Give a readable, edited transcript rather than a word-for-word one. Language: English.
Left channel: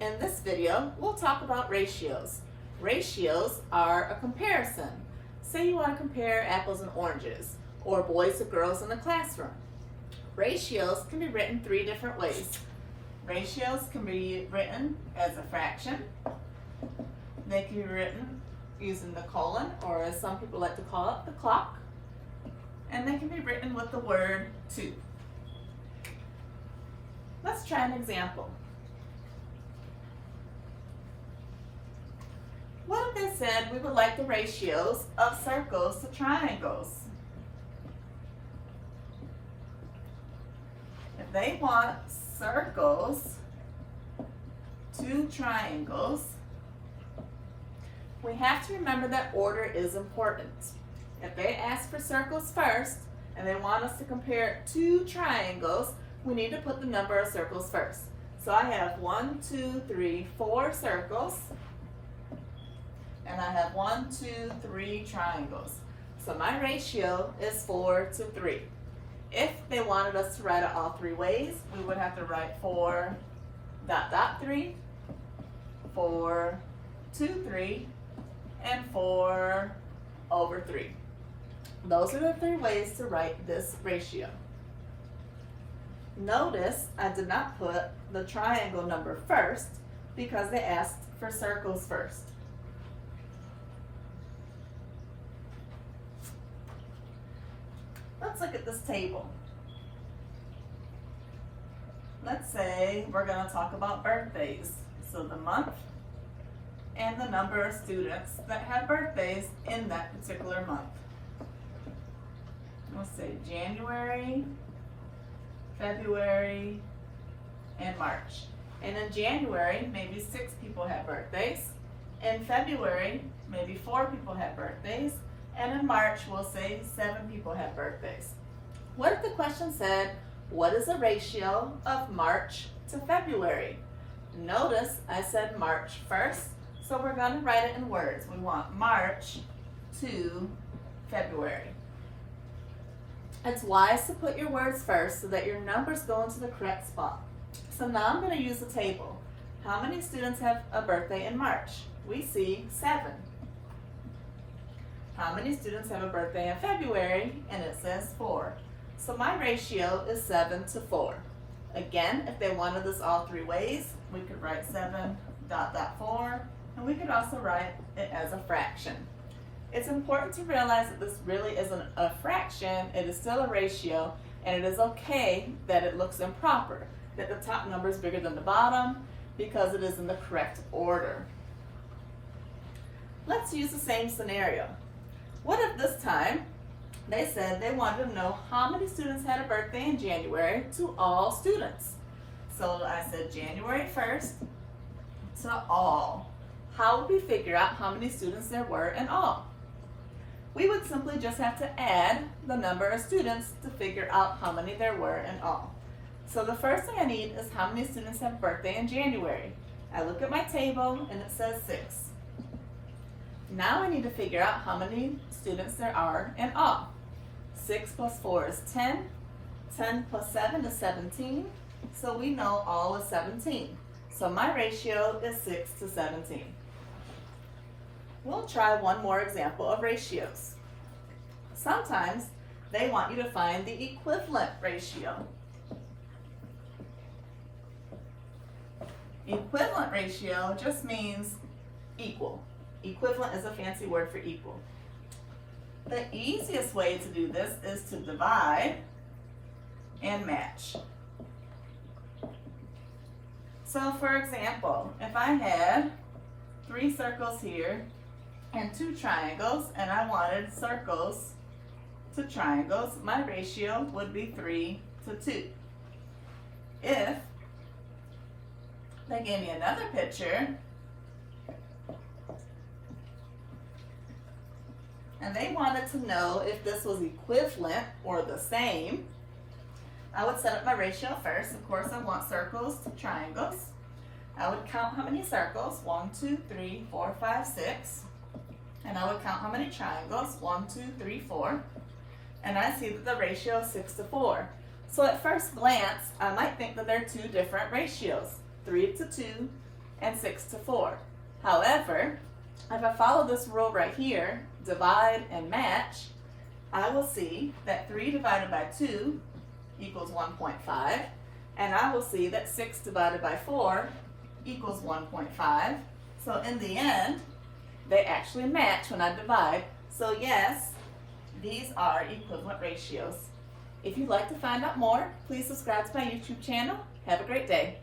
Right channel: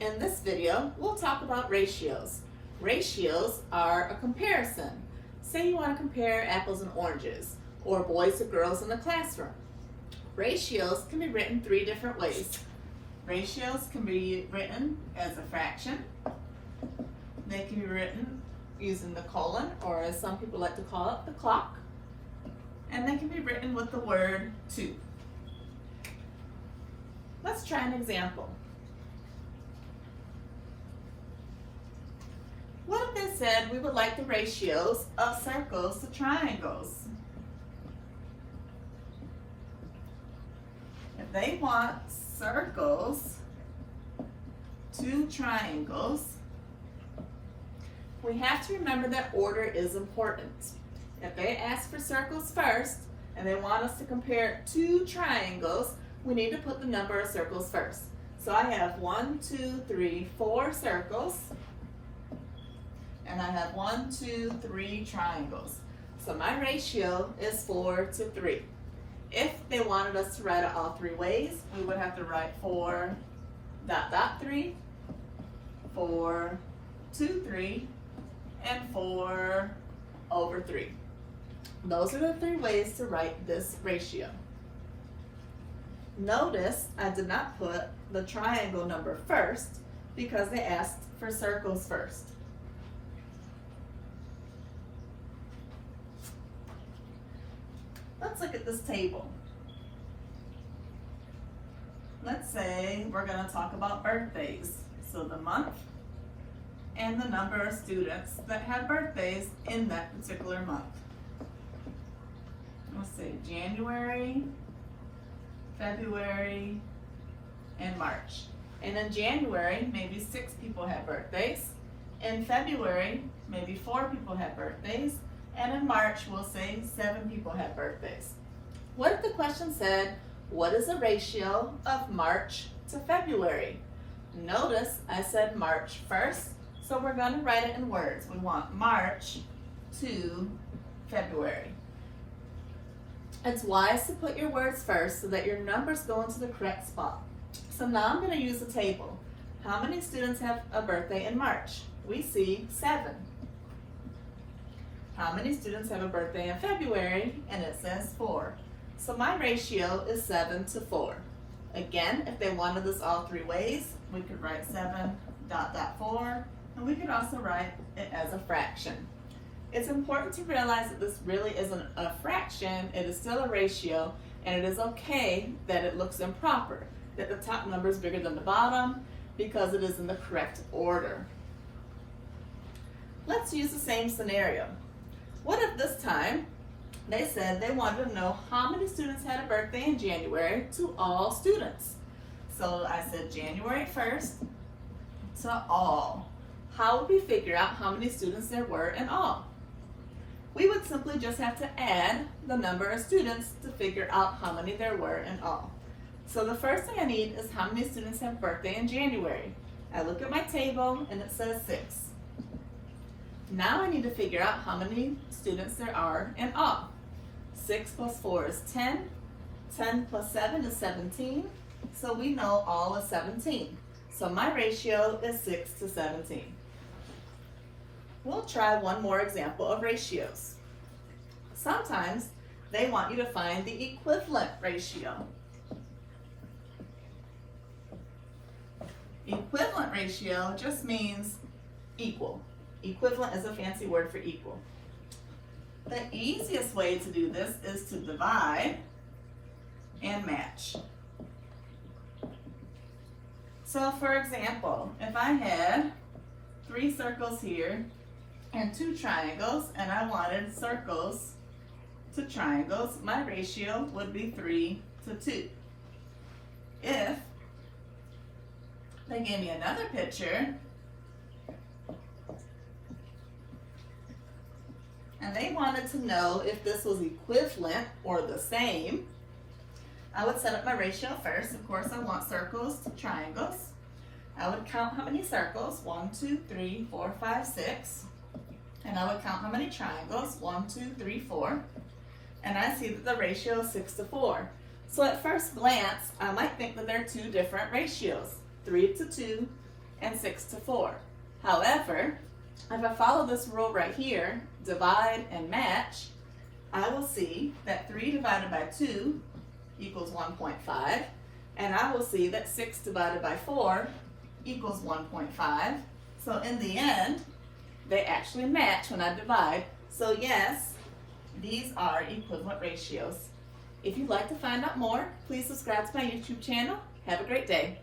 In this video, we'll talk about ratios. Ratios are a comparison. Say you want to compare apples and oranges, or boys to girls in the classroom. Ratios can be written three different ways. Ratios can be written as a fraction. They can be written using the colon, or as some people like to call it, the clock. And they can be written with the word to. Let's try an example. What if they said we would like the ratios of circles to triangles? If they want circles to triangles, we have to remember that order is important. If they ask for circles first and they want us to compare two triangles, we need to put the number of circles first. So I have 1, 2, 3, 4 circles, and I have 1, 2, 3 triangles. So my ratio is 4 to 3. If they wanted us to write it all three ways, we would have to write 4 dot dot 3, 4 2 3, and 4 over 3. Those are the three ways to write this ratio. Notice I did not put the triangle number first because they asked for circles first. Let's look at this table. Let's say we're going to talk about birthdays. So the month and the number of students that have birthdays in that particular month. Let's say January, February, and March. And in January, maybe 6 people have birthdays. In February, maybe 4 people have birthdays. And in March, we'll say 7 people have birthdays. What if the question said, what is the ratio of March to February? Notice I said March first, so we're going to write it in words. We want March to February. It's wise to put your words first so that your numbers go into the correct spot. So now I'm going to use the table. How many students have a birthday in March? We see 7. How many students have a birthday in February? And it says 4. So my ratio is 7 to 4. Again, if they wanted this all three ways, we could write 7 dot dot 4, and we could also write it as a fraction. It's important to realize that this really isn't a fraction, it is still a ratio, and it is okay that it looks improper, that the top number is bigger than the bottom, because it is in the correct order. Let's use the same scenario. What if this time they said they wanted to know how many students had a birthday in January to all students? So I said January 1st to all. How would we figure out how many students there were in all? We would simply just have to add the number of students to figure out how many there were in all. So the first thing I need is how many students have a birthday in January. I look at my table and it says 6. Now I need to figure out how many students there are in all. 6 plus 4 is 10. 10 plus 7 is 17. So we know all is 17. So my ratio is 6 to 17. We'll try one more example of ratios. Sometimes they want you to find the equivalent ratio. Equivalent ratio just means equal. Equivalent is a fancy word for equal. The easiest way to do this is to divide and match. So for example, if I had 3 circles here and 2 triangles, and I wanted circles to triangles, my ratio would be 3 to 2. If they gave me another picture and they wanted to know if this was equivalent or the same, I would set up my ratio first. Of course, I want circles to triangles. I would count how many circles, 1, 2, 3, 4, 5, 6. And I would count how many triangles, 1, 2, 3, 4. And I see that the ratio is 6 to 4. So at first glance, I might think that they're two different ratios, 3 to 2 and 6 to 4. However, if I follow this rule right here, divide and match, I will see that 3 divided by 2 equals 1.5, and I will see that 6 divided by 4 equals 1.5. So in the end, they actually match when I divide. So yes, these are equivalent ratios. If you'd like to find out more, please subscribe to my YouTube channel. Have a great day.